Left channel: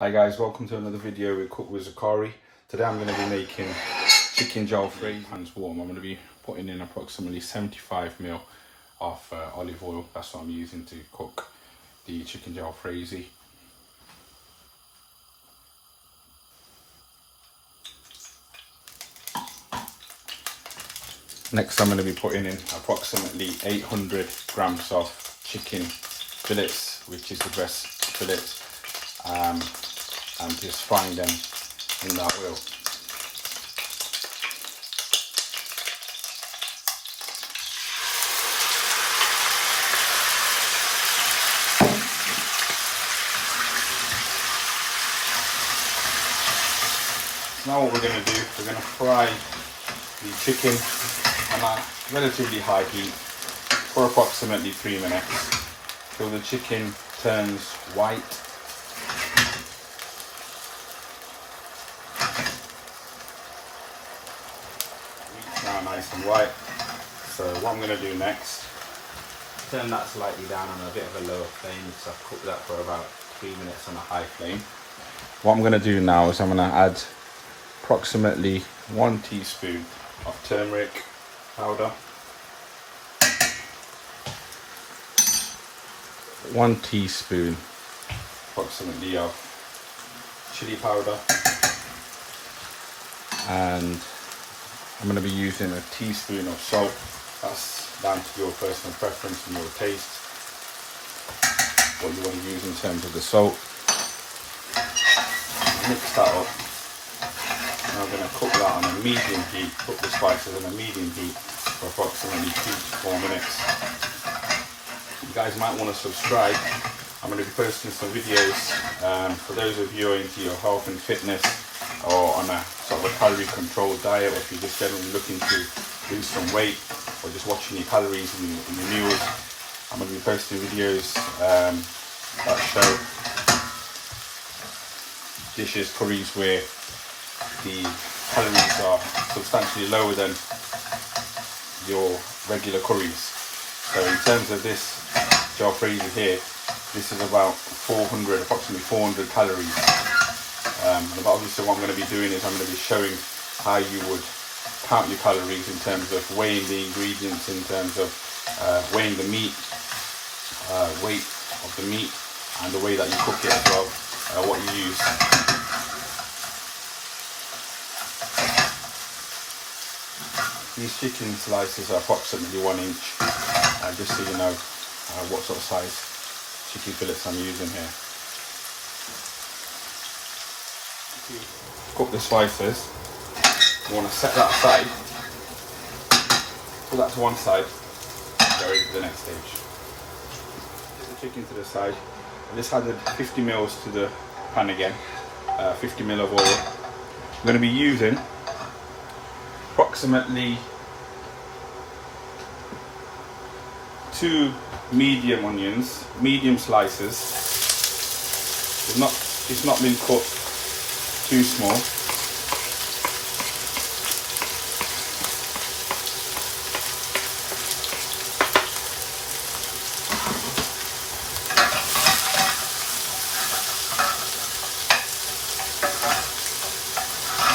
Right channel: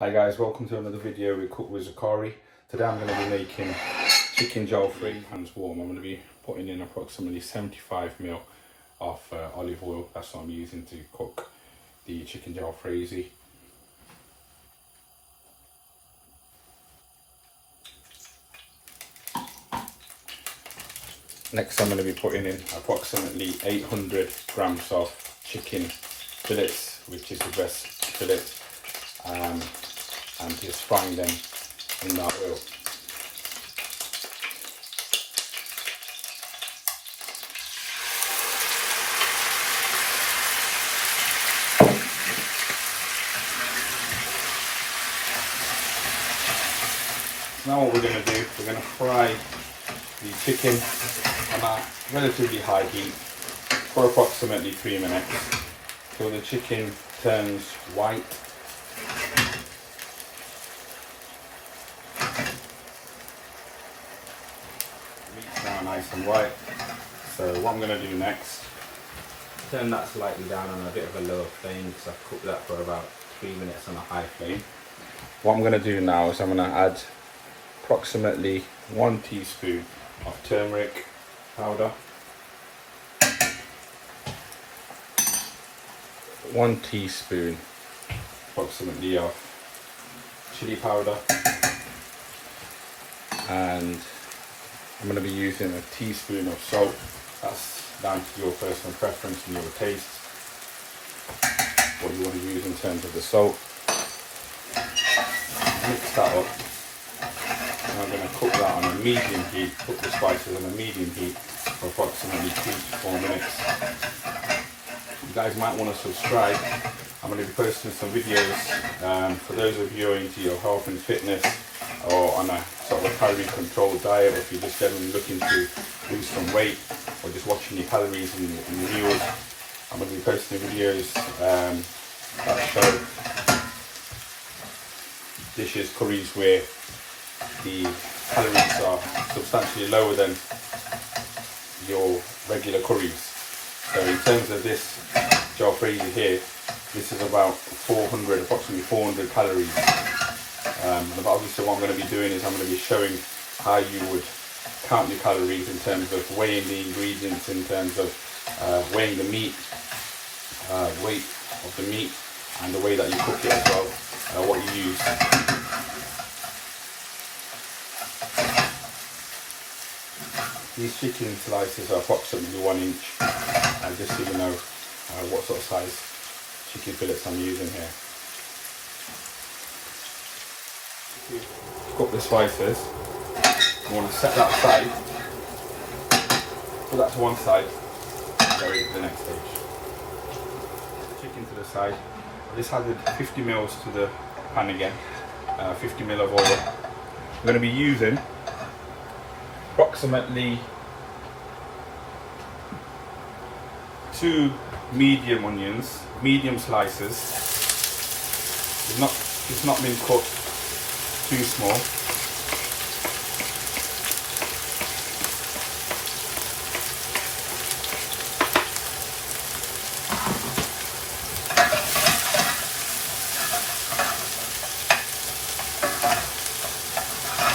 Hi guys, welcome to another video we cook with Zachary. Today I'm going to be making chicken jalfrezi. Hands warm. I'm going to be putting in approximately 75 ml of olive oil. That's what I'm using to cook the chicken jalfrezi. Next I'm going to be putting in approximately 800 grams of chicken fillets, which is the breast fillet. And just frying them in that oil. Now what we're going to do, we're going to fry the chicken on a relatively high heat for approximately 3 minutes till the chicken turns white. Now nice and white. So what I'm going to do next, turn that slightly down on a bit of a lower flame because I've cooked that for about 3 minutes on a high flame. What I'm going to do now is I'm going to add approximately 1 teaspoon of turmeric powder, 1 teaspoon approximately of chili powder, and I'm going to be using a teaspoon of salt. That's down to your personal preference and your taste, what you want to use in terms of the salt. Mix that up. And I'm going to cook that on a medium heat, cook the spices on a medium heat for approximately 2 to 4 minutes. You guys might want to subscribe. I'm going to be posting some videos for those of you who are into your health and fitness, or on a sort of a calorie controlled diet, or if you're just generally looking to lose some weight, or just watching your calories in your meals. I'm going to be posting videos that show dishes, curries where the calories are substantially lower than your regular curries. So in terms of this jalfrezi here, this is about approximately 400 calories. But obviously what I'm going to be doing is I'm going to be showing how you would count your calories in terms of weighing the ingredients, in terms of weighing the meat, weight of the meat, and the way that you cook it as well, what you use. These chicken slices are approximately 1 inch, and just so you know what sort of size chicken fillets I'm using here. Cook the slices. You want to set that aside, put that to one side, go into the next stage. Put the chicken to the side. I just added 50 ml to the pan again, 50 ml of oil. I'm going to be using approximately 2 medium onions, medium slices. It's not been cooked too small. And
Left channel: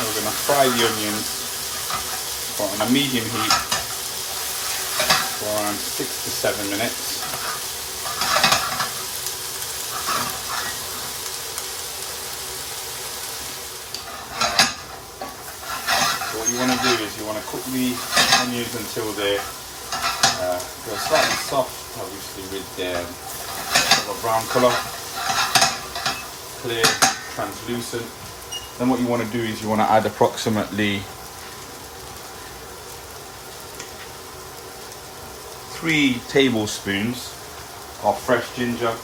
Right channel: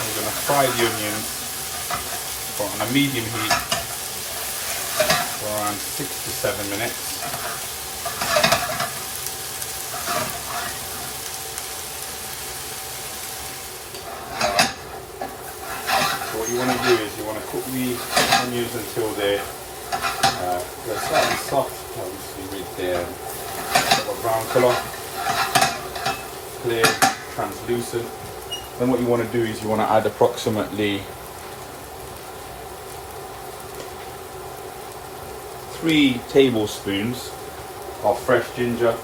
we're going to fry the onions on a medium heat for around 6 to 7 minutes. What you want to do is you want to cook the onions until they're slightly soft, obviously with their sort of a brown colour, clear, translucent. Then what you want to do is you want to add approximately 3 tablespoons of fresh ginger.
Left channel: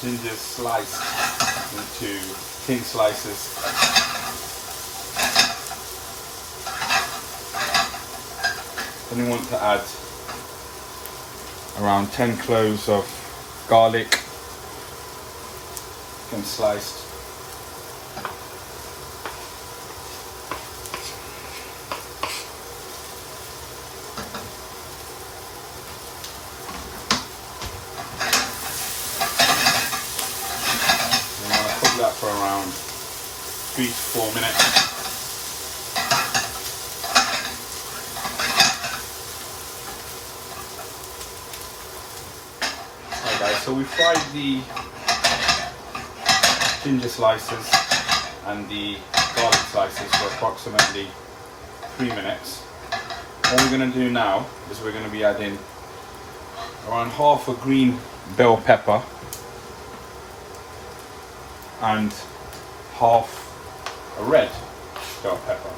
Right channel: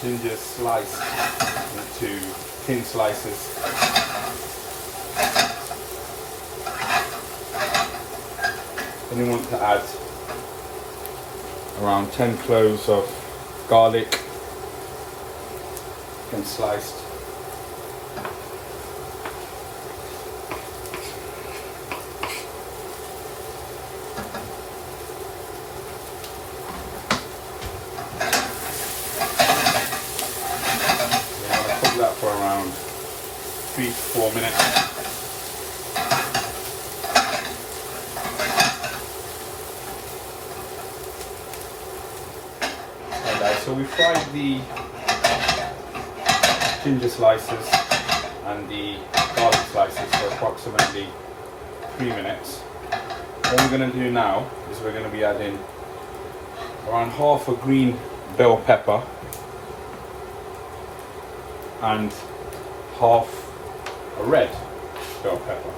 Ginger sliced into thin slices. Then you want to add around 10 cloves of garlic and sliced. 3 to 4 minutes. Okay guys, so we fried the ginger slices and the garlic slices for approximately 3 minutes. What we're going to do now is we're going to be adding around half a green bell pepper and half a red bell pepper.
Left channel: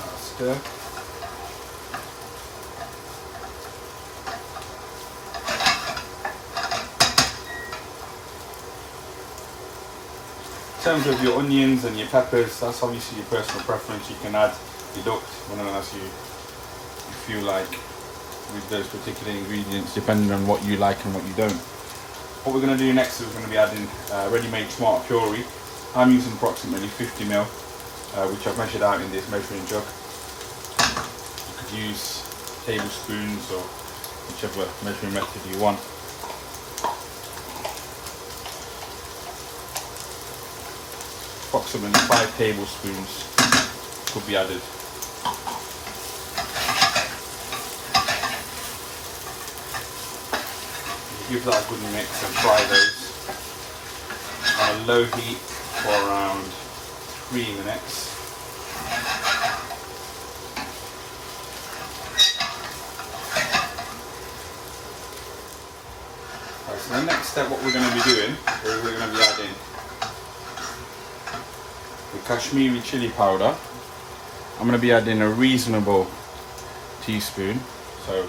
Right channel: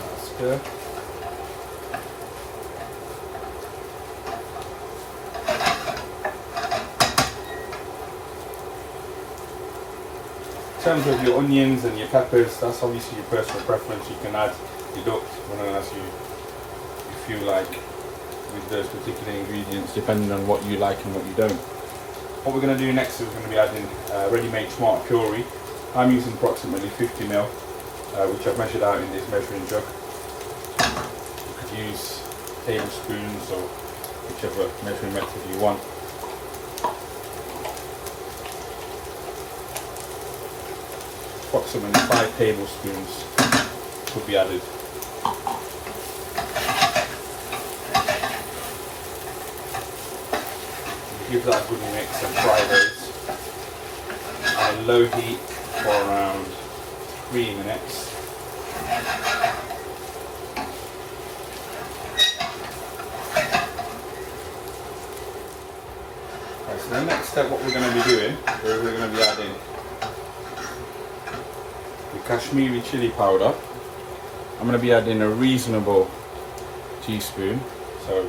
That's good. In terms of your onions and your peppers, that's obviously your personal preference. You can add, deduct, whatever else you feel like with those particular ingredients, depending on what you like and what you don't. What we're going to do next is we're going to be adding ready-made tomato puree. I'm using approximately 50 ml, which I've measured out in this measuring jug. You could use tablespoons or whichever measuring method you want. Approximately 5 tablespoons could be added. Give that a good mix and fry those on a low heat for around 3 minutes. Right, so the next step, what we're going to be doing is we're going to be adding the Kashmiri chili powder. I'm going to be adding a reasonable teaspoon, so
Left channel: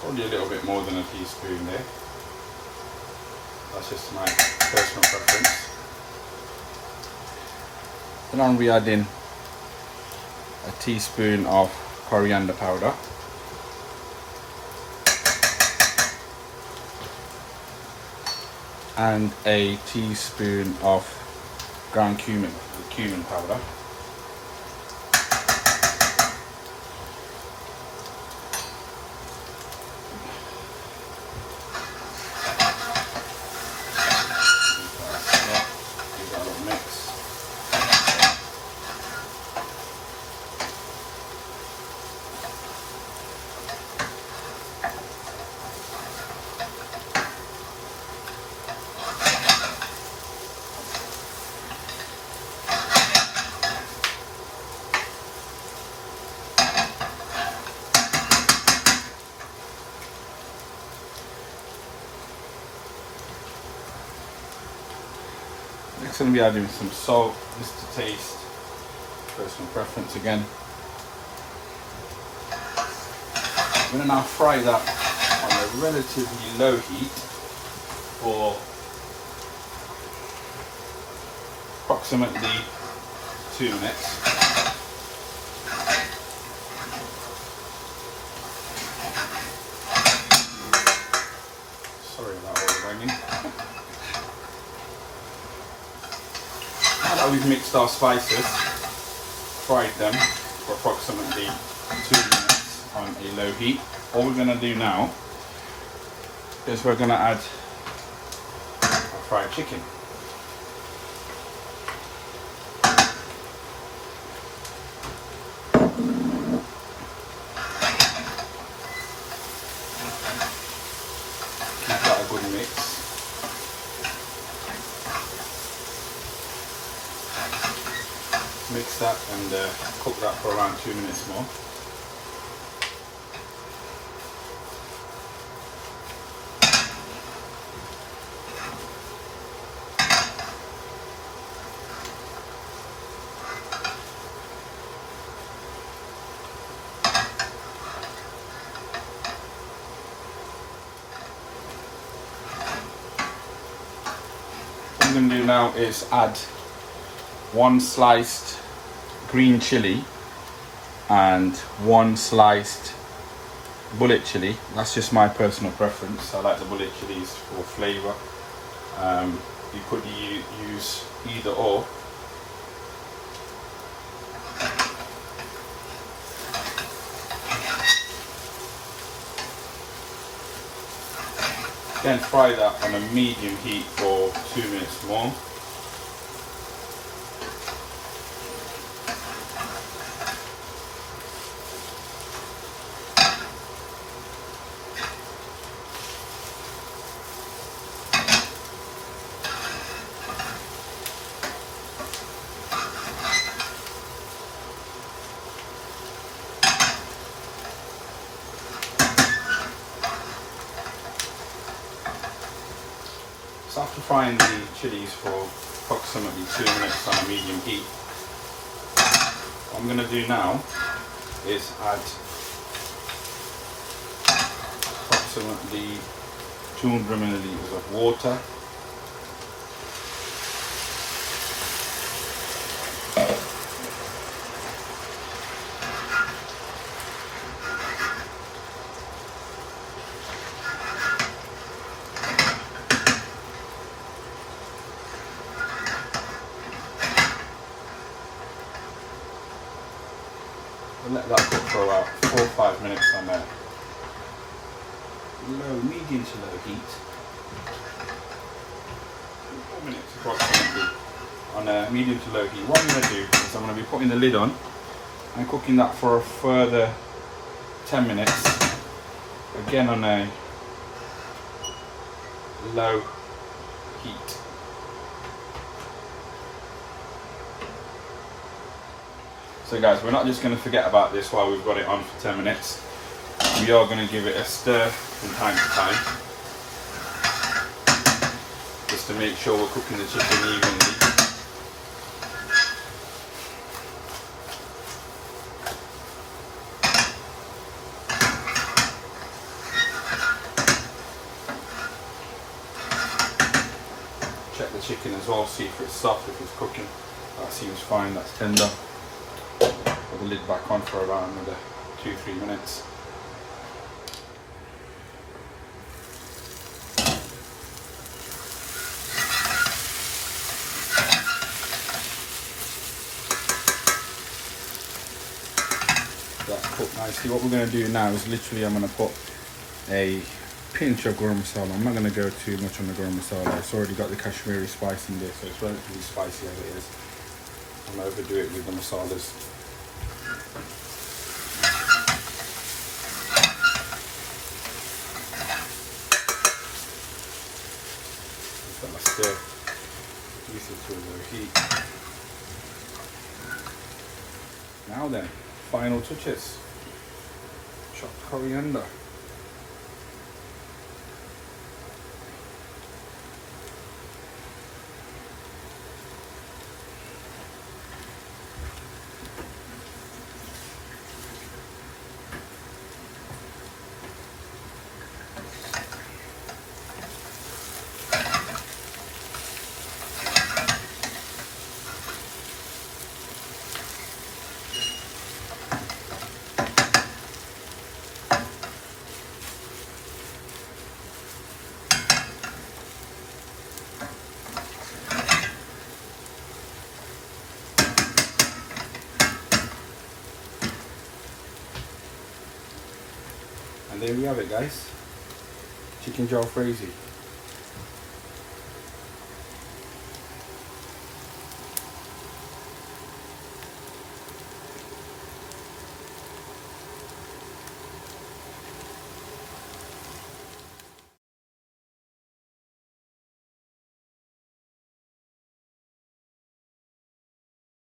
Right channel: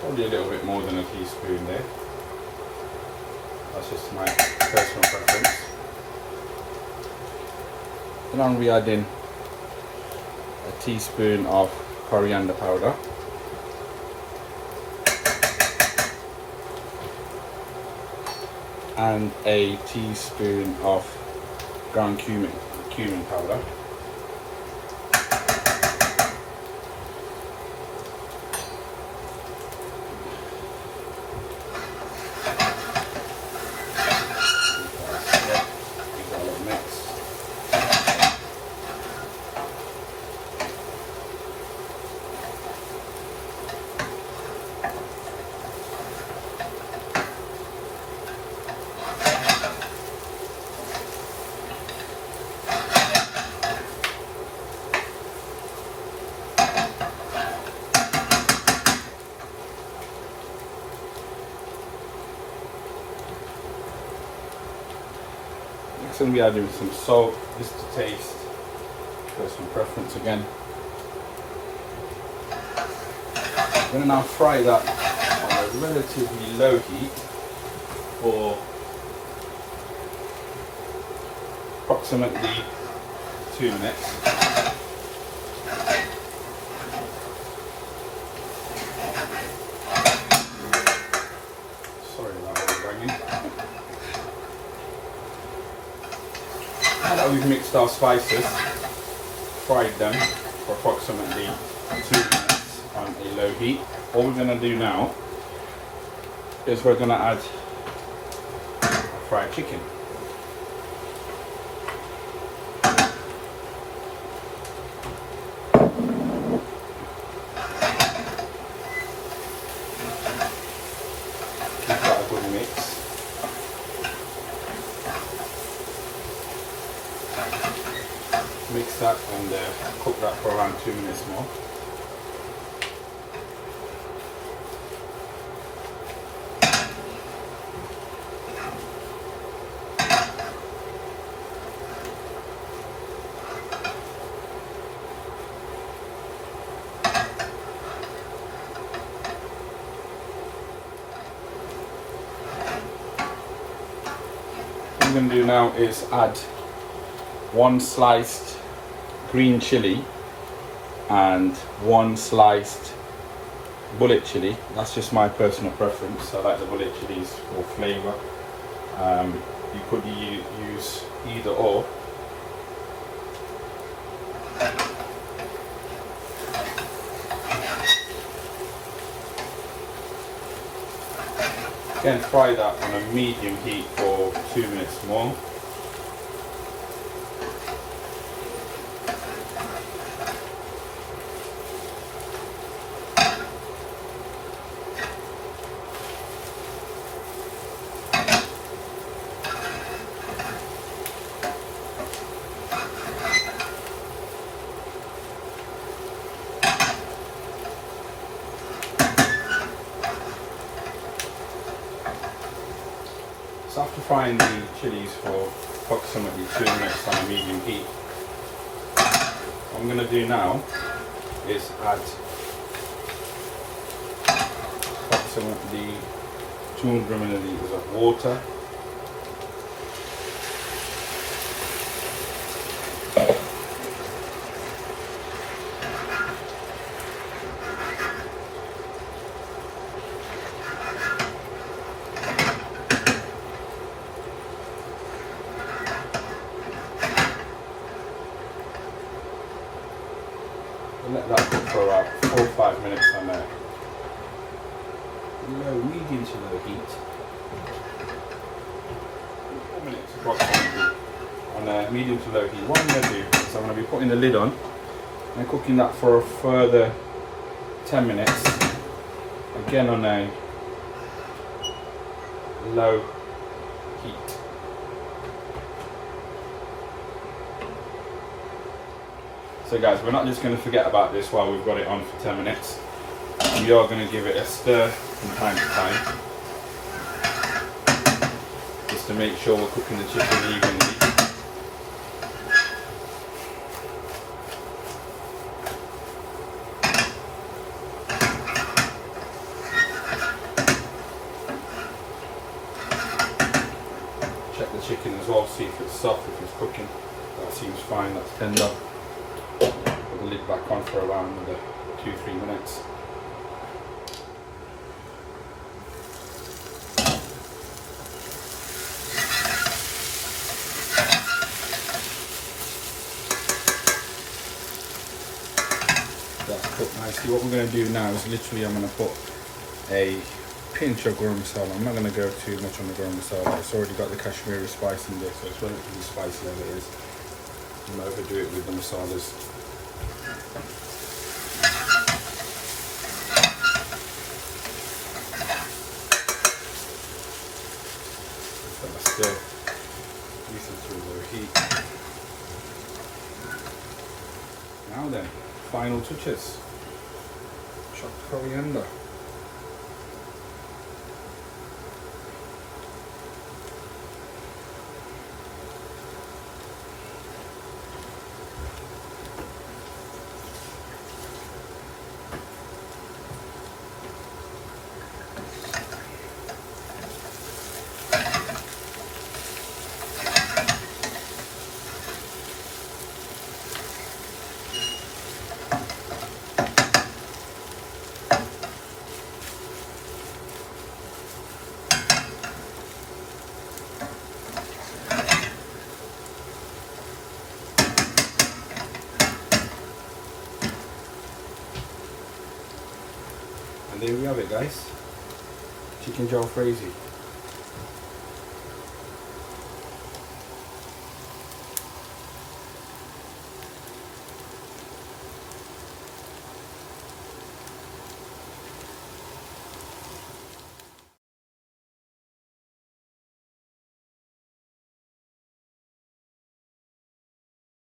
probably a little bit more than a teaspoon there. That's just my personal preference. Then I'm going to be adding a teaspoon of coriander powder. And a teaspoon of ground cumin powder. Next I'm going to be adding some salt, just to taste, personal preference again. I'm going to now fry that on a relatively low heat for approximately 2 minutes. Sorry about all the banging. Now that we've mixed our spices, fried them for approximately 2 minutes on a low heat, what we're going to do now is we're going to add our fried chicken. Give that a good mix. Mix that and cook that for around 2 minutes more. What I'm going to do now is add 1 sliced green chilli and 1 sliced bullet chilli. That's just my personal preference. I like the bullet chillis for flavour. You could use either or. Again, fry that on a medium heat for 2 minutes more. So after frying the chilies for approximately 2 minutes on a medium heat, what I'm going to do now is add approximately 200 milliliters of water. And let that cook for about 4 or 5 minutes on a medium to low heat. 4 minutes approximately on a medium to low heat. What I'm going to do is I'm going to be putting the lid on and cooking that for a further 10 minutes. Again on a low heat. So guys, we're not just going to forget about this while we've got it on for 10 minutes. We are going to give it a stir from time to time, just to make sure we're cooking the chicken evenly. Check the chicken as well, see if it's soft, if it's cooking. That seems fine, that's tender. Put the lid back on for around another 2-3 minutes. That's cooked nicely. What we're going to do now is literally I'm going to put a pinch of Garam Masala. I'm not going to go too much on the Garam Masala. It's already got the Kashmiri spice in there, so it's relatively spicy as it is. I'm going to overdo it with the masalas. Stir, use it to low heat. Now then, final touches. Chopped coriander. And there we have it, guys. Chicken Jalfrezi.